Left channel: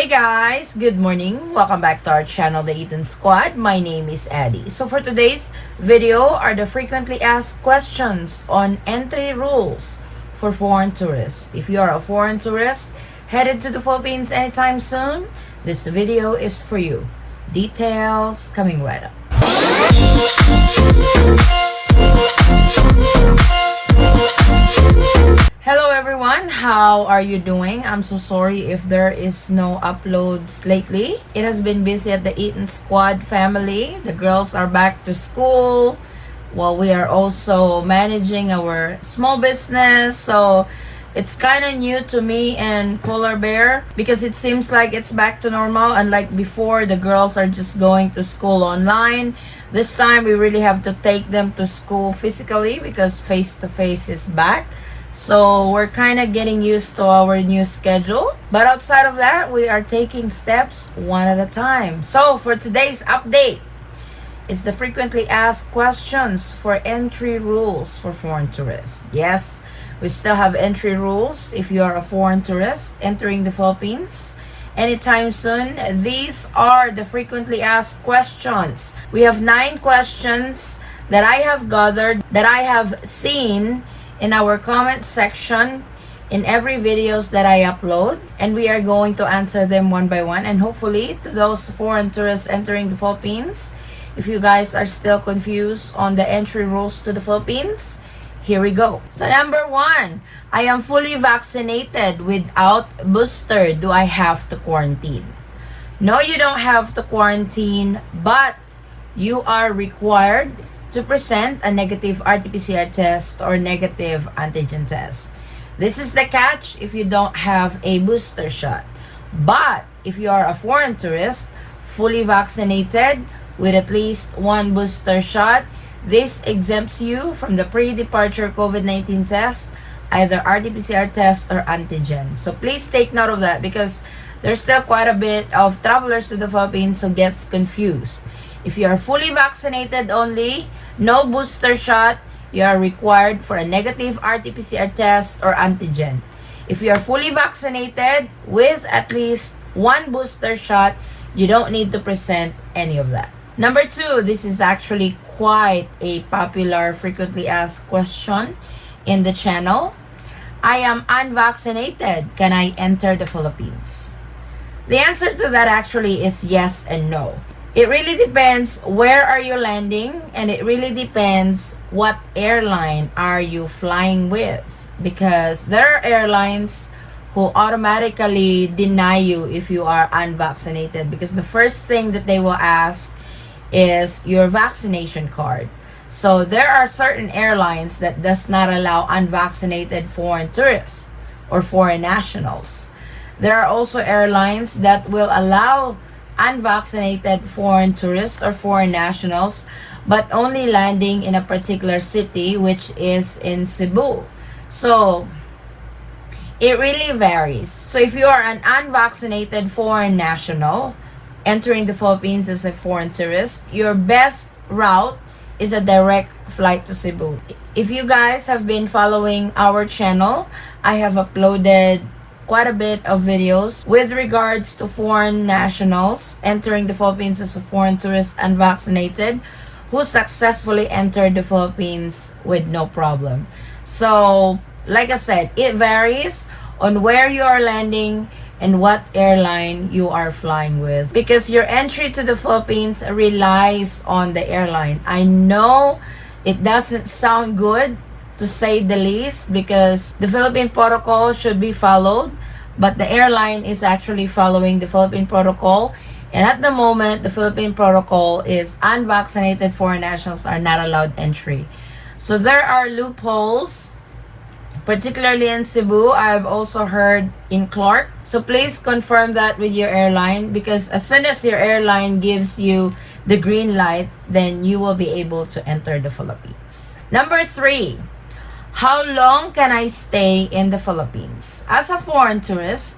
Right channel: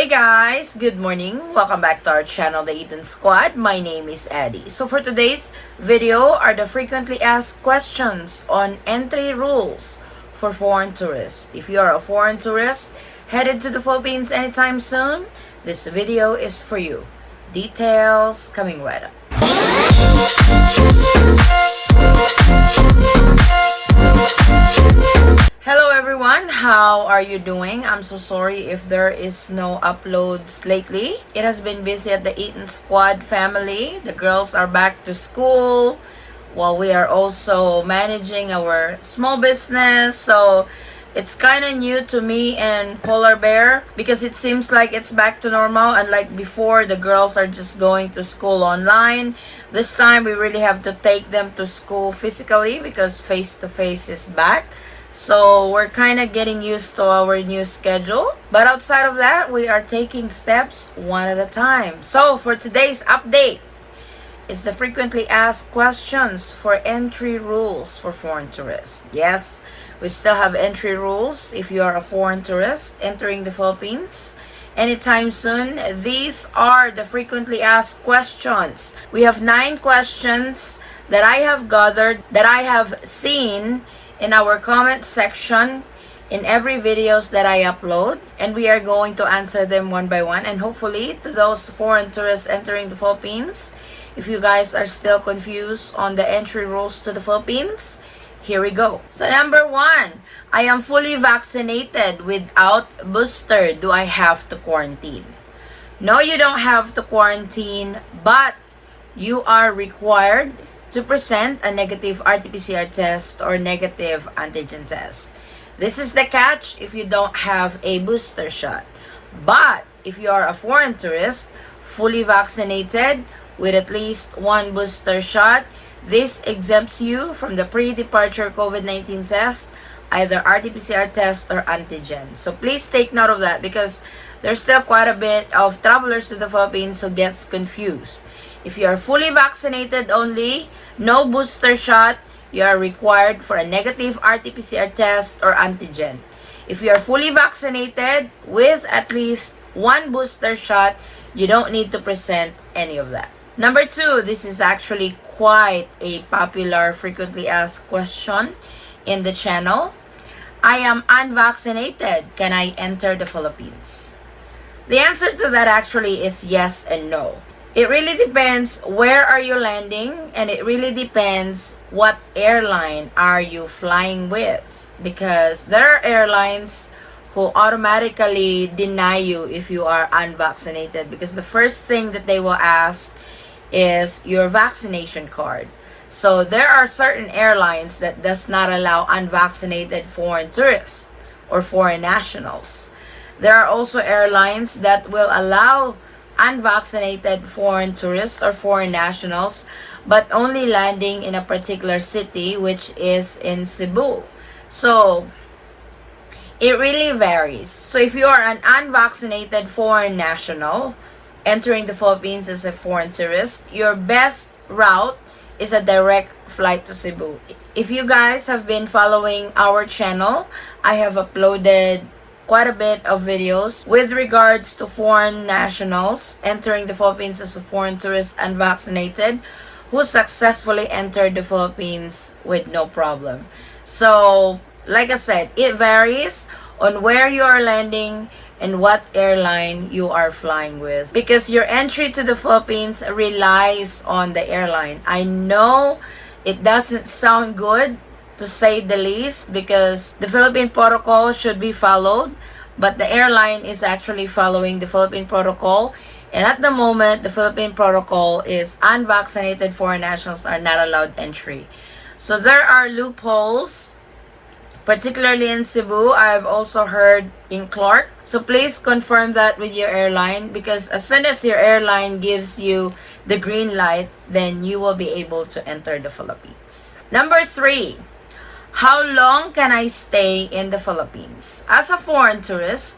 Hey guys, good morning. Welcome back to our channel, the Eaton Squad. My name is Addie. So for today's video are the frequently asked questions on entry rules for foreign tourists. If you are a foreign tourist headed to the Philippines anytime soon, this video is for you. Details coming right up. Hello everyone, how are you doing? I'm so sorry if there is no uploads lately. It has been busy at the Eaton Squad family. The girls are back to school while we are also managing our small business. So it's kind of new to me and Polar Bear because it seems like it's back to normal. Unlike before, the girls are just going to school online. This time we really have to take them to school physically because face-to-face is back. So we're kind of getting used to our new schedule. But outside of that, we are taking steps one at a time. So for today's update is the frequently asked questions for entry rules for foreign tourists. Yes, we still have entry rules if you are a foreign tourist entering the Philippines anytime soon. These are the frequently asked questions. We have 9 questions that I have gathered, that I have seen in our comment section in every videos that I upload, and we are going to answer them one by one. And hopefully to those foreign tourists entering the Philippines, if you guys are still confused on the entry rules to the Philippines, here we go. So number 1, I am fully vaccinated without booster. Do I have to quarantine? No, you don't have to quarantine, but you are required to present a negative RT-PCR test or negative antigen test. This is the catch if you don't have a booster shot. But if you are a foreign tourist, fully vaccinated with at least 1 booster shot, this exempts you from the pre-departure COVID-19 test, either RT-PCR test or antigen. So please take note of that because there's still quite a bit of travelers to the Philippines who gets confused. If you are fully vaccinated only, no booster shot, you are required for a negative RT-PCR test or antigen. If you are fully vaccinated with at least 1 booster shot, you don't need to present any of that. Number 2, this is actually quite a popular frequently asked question in the channel. I am unvaccinated. Can I enter the Philippines? The answer to that actually is yes and no. It really depends where are you landing, and it really depends what airline are you flying with, because there are airlines who automatically deny you if you are unvaccinated, because the first thing that they will ask is your vaccination card. So there are certain airlines that does not allow unvaccinated foreign tourists or foreign nationals. There are also airlines that will allow unvaccinated foreign tourists or foreign nationals, but only landing in a particular city, which is in Cebu. So it really varies. So if you are an unvaccinated foreign national entering the Philippines as a foreign tourist, your best route is a direct flight to Cebu. If you guys have been following our channel, I have uploaded quite a bit of videos with regards to foreign nationals entering the Philippines as a foreign tourist unvaccinated who successfully entered the Philippines with no problem. So, like I said, it varies on where you are landing and what airline you are flying with, because your entry to the Philippines relies on the airline. I know it doesn't sound good, to say the least, because the Philippine protocol should be followed, but the airline is actually following the Philippine protocol. And at the moment, the Philippine protocol is unvaccinated foreign nationals are not allowed entry. So there are loopholes, particularly in Cebu. I've also heard in Clark. So please confirm that with your airline, because as soon as your airline gives you the green light, then you will be able to enter the Philippines. Number 3, how long can I stay in the Philippines? As a foreign tourist,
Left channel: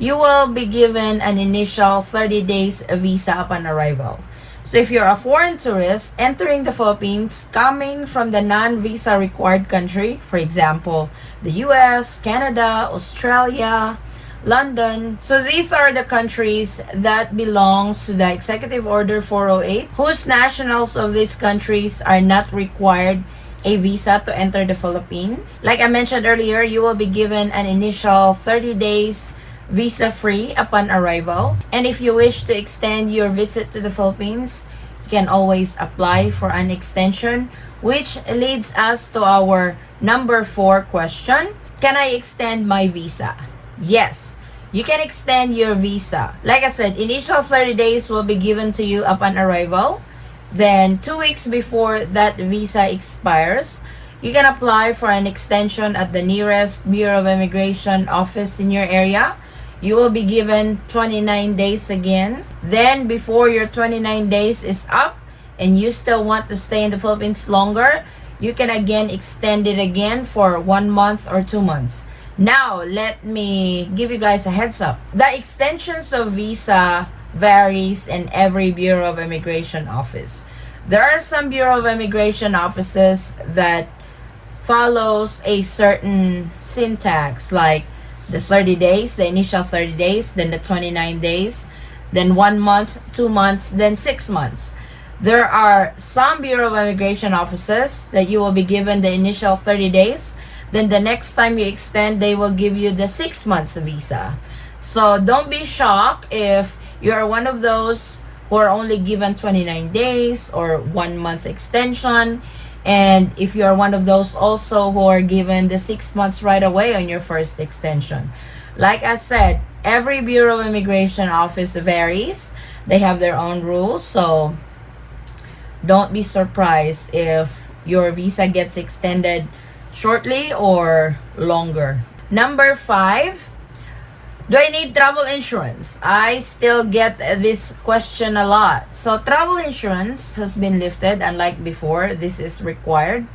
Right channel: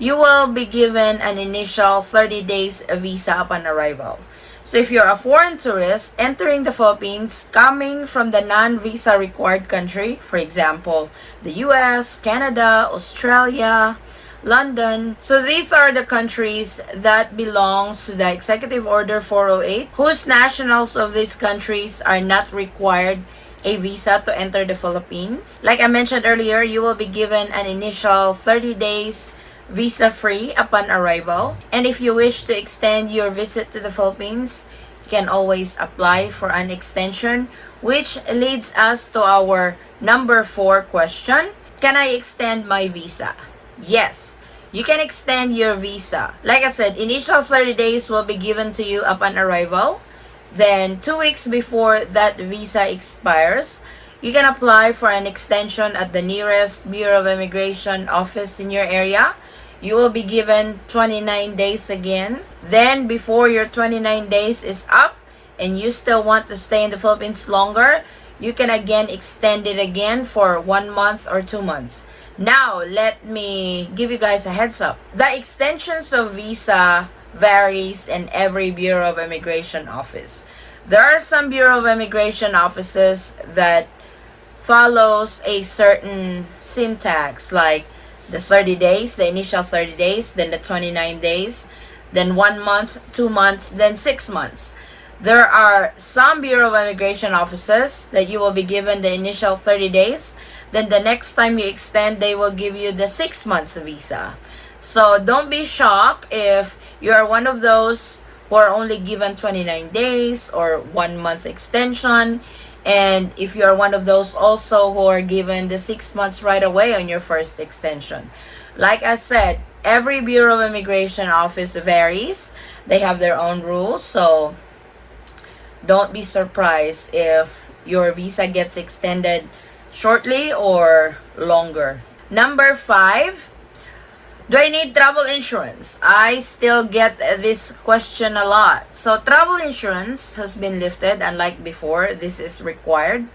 you will be given an initial 30 days visa upon arrival. So if you're a foreign tourist entering the Philippines coming from the non-visa required country, for example, the US, Canada, Australia, London. So these are the countries that belongs to the Executive Order 408, whose nationals of these countries are not required a visa to enter the Philippines. Like I mentioned earlier, you will be given an initial 30 days visa-free upon arrival. And if you wish to extend your visit to the Philippines, you can always apply for an extension, which leads us to our number 4 question. Can I extend my visa? Yes, you can extend your visa. Like I said, initial 30 days will be given to you upon arrival. Then 2 weeks before that visa expires, you can apply for an extension at the nearest Bureau of Immigration office in your area. You will be given 29 days again. Then before your 29 days is up and you still want to stay in the Philippines longer, you can again extend it again for 1 month or 2 months. Now, let me give you guys a heads up. The extensions of visa varies in every Bureau of Immigration office. There are some Bureau of Immigration offices that follows a certain syntax, like the 30 days, the initial 30 days, then the 29 days, then 1 month, 2 months, then 6 months. There are some Bureau of Immigration offices that you will be given the initial 30 days. Then the next time you extend, they will give you the 6 months visa. So don't be shocked if you are one of those who are only given 29 days or 1 month extension. And if you are one of those also who are given the 6 months right away on your first extension. Like I said, every Bureau of Immigration office varies. They have their own rules. So don't be surprised if your visa gets extended shortly or longer. Number 5, do I need travel insurance? I still get this question a lot. So travel insurance has been lifted, unlike before. This is required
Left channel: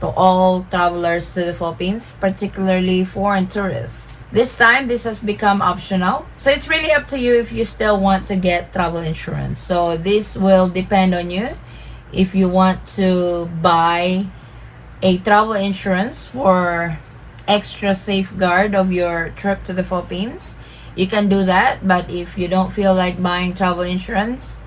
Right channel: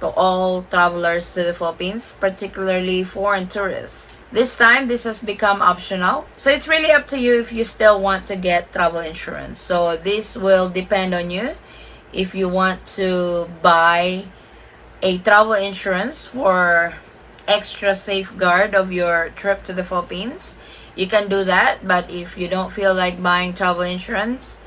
to all travelers to the Philippines, particularly foreign tourists. This time, this has become optional. So it's really up to you if you still want to get travel insurance. So this will depend on you. If you want to buy a travel insurance for extra safeguard of your trip to the Philippines, you can do that. But if you don't feel like buying travel insurance,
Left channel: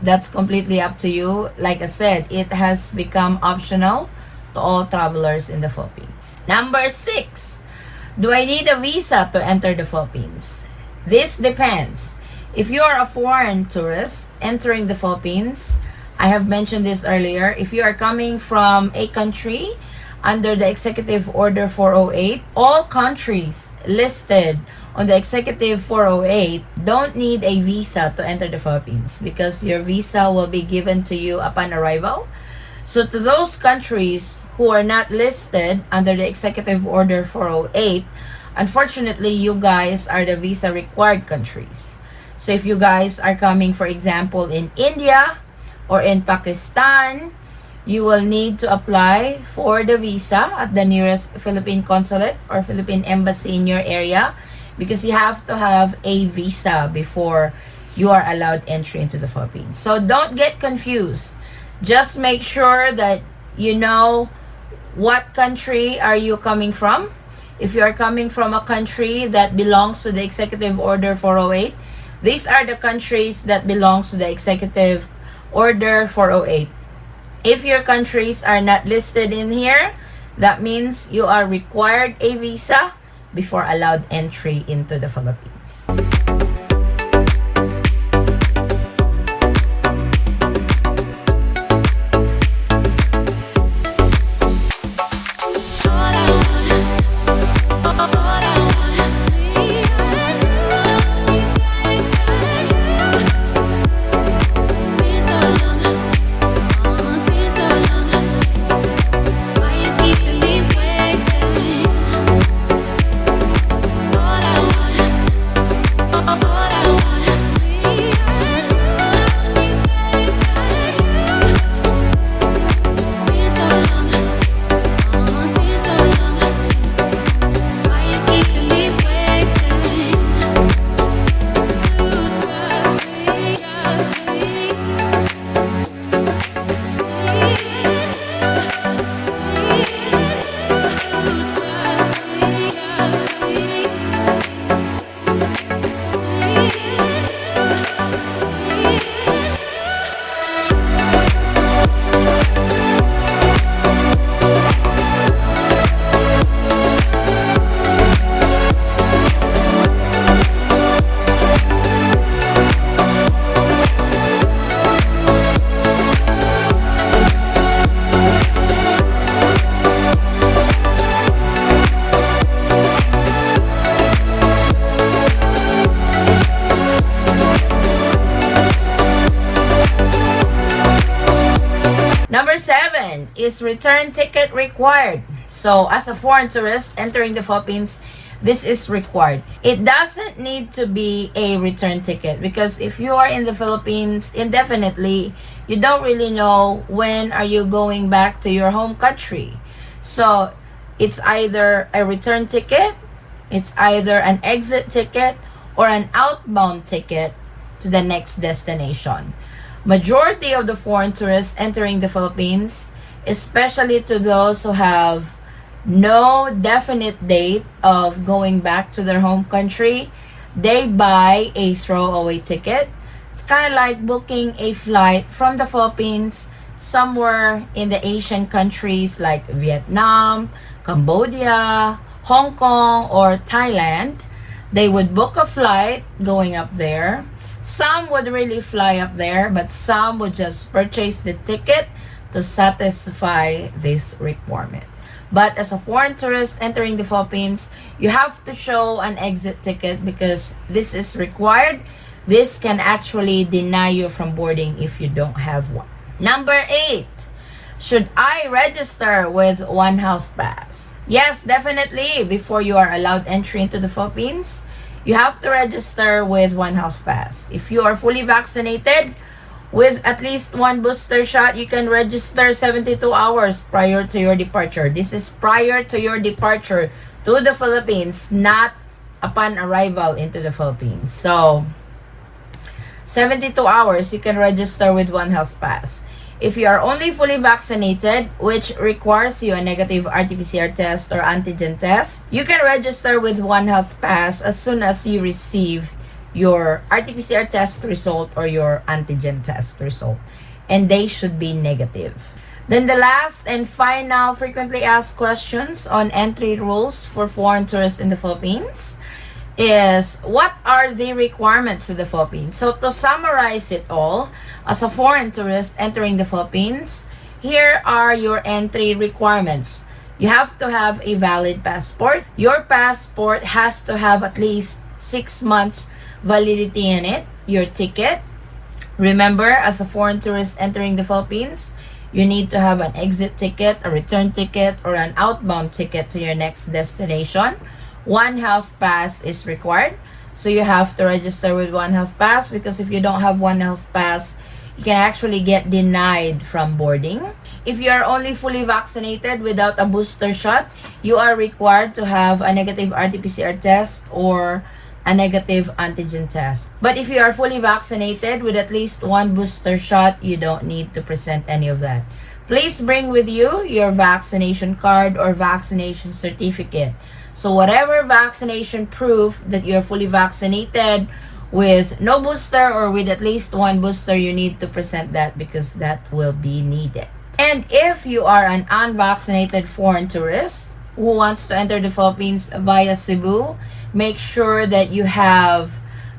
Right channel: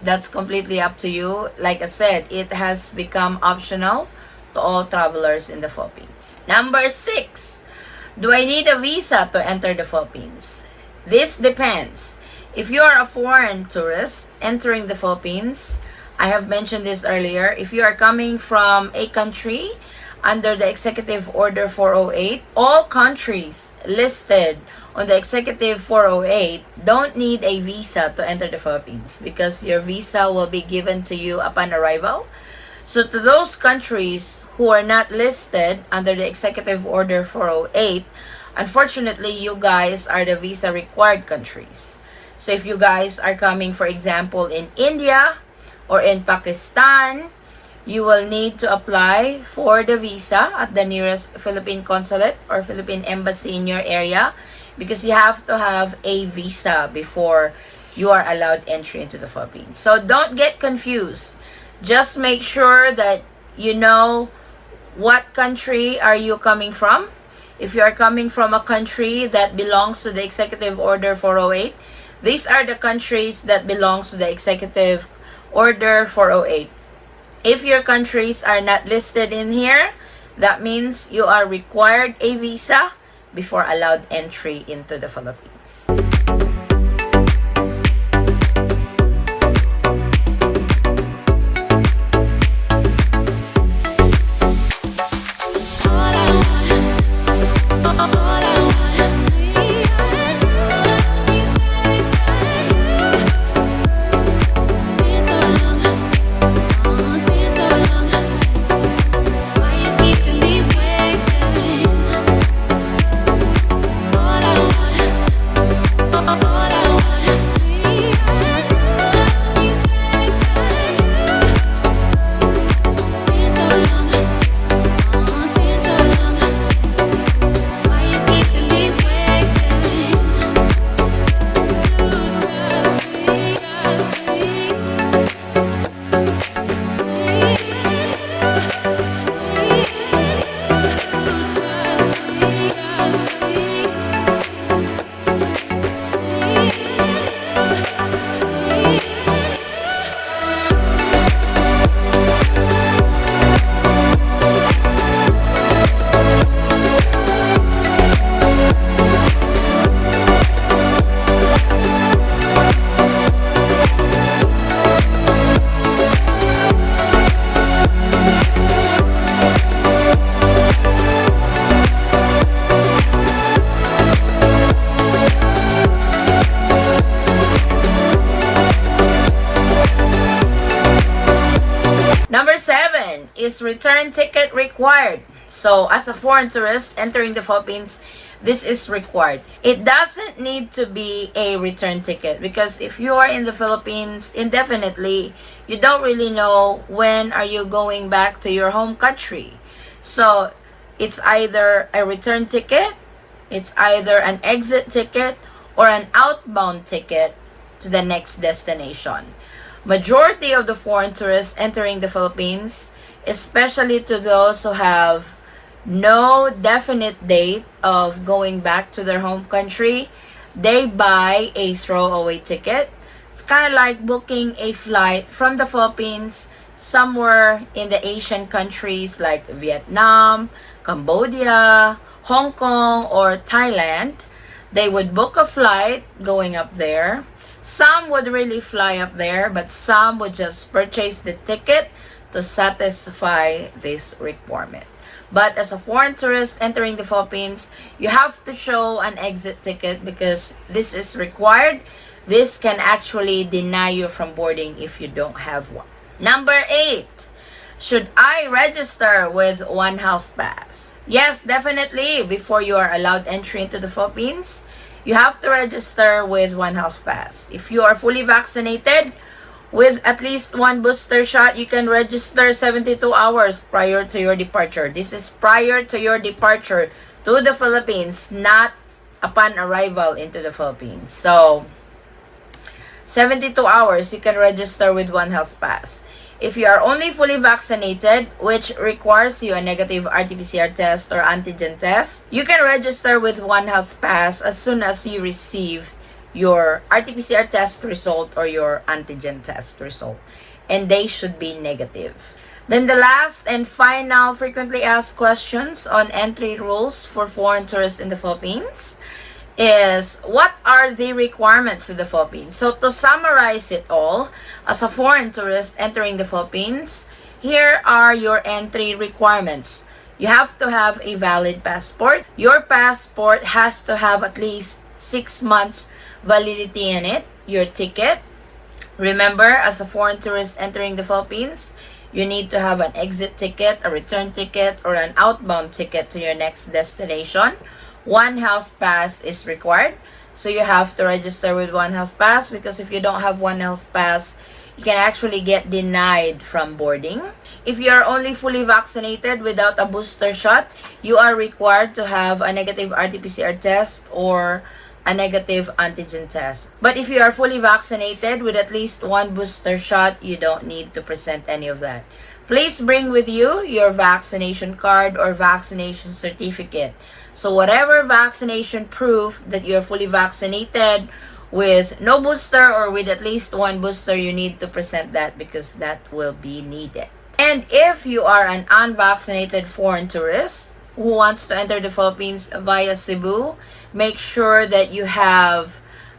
that's completely up to you. Like I said, it has become optional to all travelers in the Philippines. Number 6, do I need a visa to enter the Philippines? This depends. If you are a foreign tourist entering the Philippines, I have mentioned this earlier, if you are coming from a country under the Executive Order 408, all countries listed on the Executive 408 don't need a visa to enter the Philippines because your visa will be given to you upon arrival. So to those countries who are not listed under the Executive Order 408, unfortunately, you guys are the visa required countries. So if you guys are coming, for example, in India or in Pakistan, you will need to apply for the visa at the nearest Philippine consulate or Philippine embassy in your area because you have to have a visa before you are allowed entry into the Philippines. So don't get confused. Just make sure that you know what country are you coming from. If you are coming from a country that belongs to the Executive Order 408, these are the countries that belongs to the Executive Order 408. If your countries are not listed in here, that means you are required a visa before allowed entry into the Philippines. is return ticket required. So as a foreign tourist entering the Philippines, this is required. It doesn't need to be a return ticket because if you are in the Philippines indefinitely, you don't really know when are you going back to your home country. So it's either a return ticket, it's either an exit ticket, or an outbound ticket to the next destination. Majority of the foreign tourists entering the Philippines, especially to those who have no definite date of going back to their home country, they buy a throwaway ticket. It's kind of like booking a flight from the Philippines somewhere in the Asian countries like Vietnam, Cambodia, Hong Kong, or Thailand. They would book a flight going up there. Some would really fly up there, but some would just purchase the ticket to satisfy this requirement. But as a foreign tourist entering the Philippines, you have to show an exit ticket because this is required. This can actually deny you from boarding if you don't have one. Number 8. Should I register with One Health Pass? Yes, definitely. Before you are allowed entry into the Philippines, you have to register with One Health Pass. If you are fully vaccinated with at least one booster shot, you can register 72 hours prior to your departure. This is prior to your departure to the Philippines, not upon arrival into the Philippines. So, 72 hours, you can register with One Health Pass. If you are only fully vaccinated, which requires you a negative RT-PCR test or antigen test, you can register with One Health Pass as soon as you receive your RT-PCR test result or your antigen test result. And they should be negative. Then the last and final frequently asked questions on entry rules for foreign tourists in the Philippines is, what are the requirements to the Philippines? So to summarize it all, as a foreign tourist entering the Philippines, here are your entry requirements. You have to have a valid passport. Your passport has to have at least 6 months validity in it. Your ticket. Remember, as a foreign tourist entering the Philippines, you need to have an exit ticket, a return ticket, or an outbound ticket to your next destination. One Health Pass is required. So you have to register with One Health Pass because if you don't have One Health Pass, you can actually get denied from boarding. If you are only fully vaccinated without a booster shot, you are required to have a negative RT-PCR test or a negative antigen test. But if you are fully vaccinated with at least one booster shot, you don't need to present any of that. Please bring with you your vaccination card or vaccination certificate. So whatever vaccination proof that you're fully vaccinated with no booster or with at least one booster, you need to present that because that will be needed. And if you are an unvaccinated foreign tourist who wants to enter the Philippines via Cebu, make sure that you have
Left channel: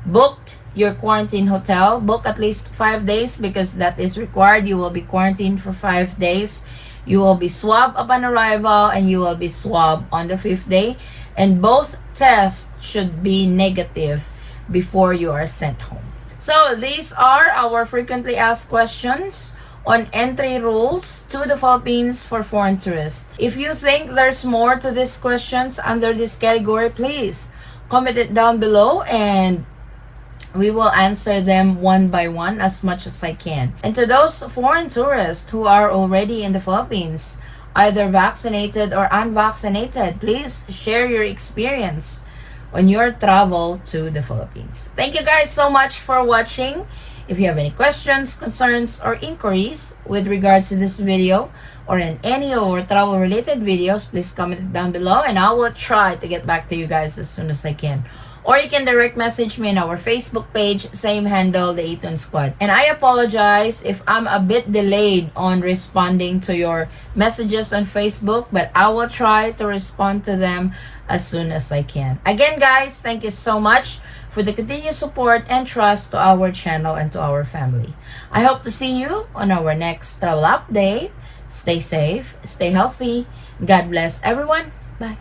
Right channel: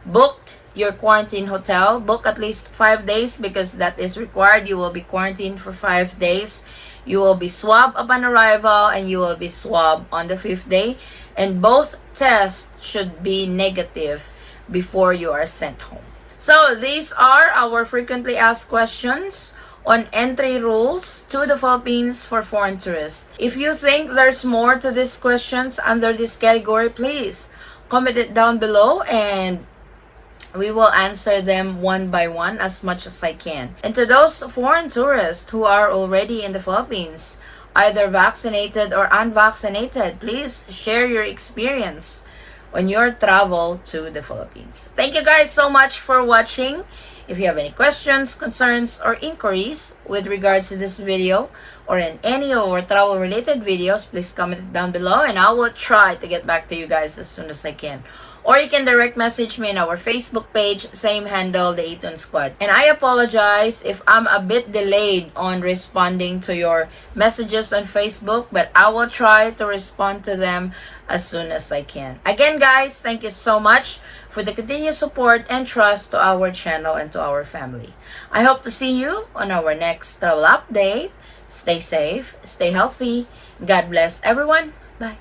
booked your quarantine hotel. Book at least 5 days because that is required. You will be quarantined for 5 days. You will be swabbed upon arrival and you will be swabbed on the 5th day. And both tests should be negative before you are sent home. So these are our frequently asked questions on entry rules to the Philippines for foreign tourists. If you think there's more to these questions under this category, please comment it down below and we will answer them one by one as much as I can. And to those foreign tourists who are already in the Philippines, either vaccinated or unvaccinated, please share your experience on your travel to the Philippines. Thank you guys so much for watching. If you have any questions, concerns, or inquiries with regards to this video or in any of our travel related videos, please comment it down below and I will try to get back to you guys as soon as I can. Or you can direct message me in our Facebook page, same handle, the Eaton Squad. And I apologize if I'm a bit delayed on responding to your messages on Facebook, but I will try to respond to them as soon as I can. Again, guys, thank you so much for the continued support and trust to our channel and to our family. I hope to see you on our next travel update. Stay safe, stay healthy. God bless everyone. Bye.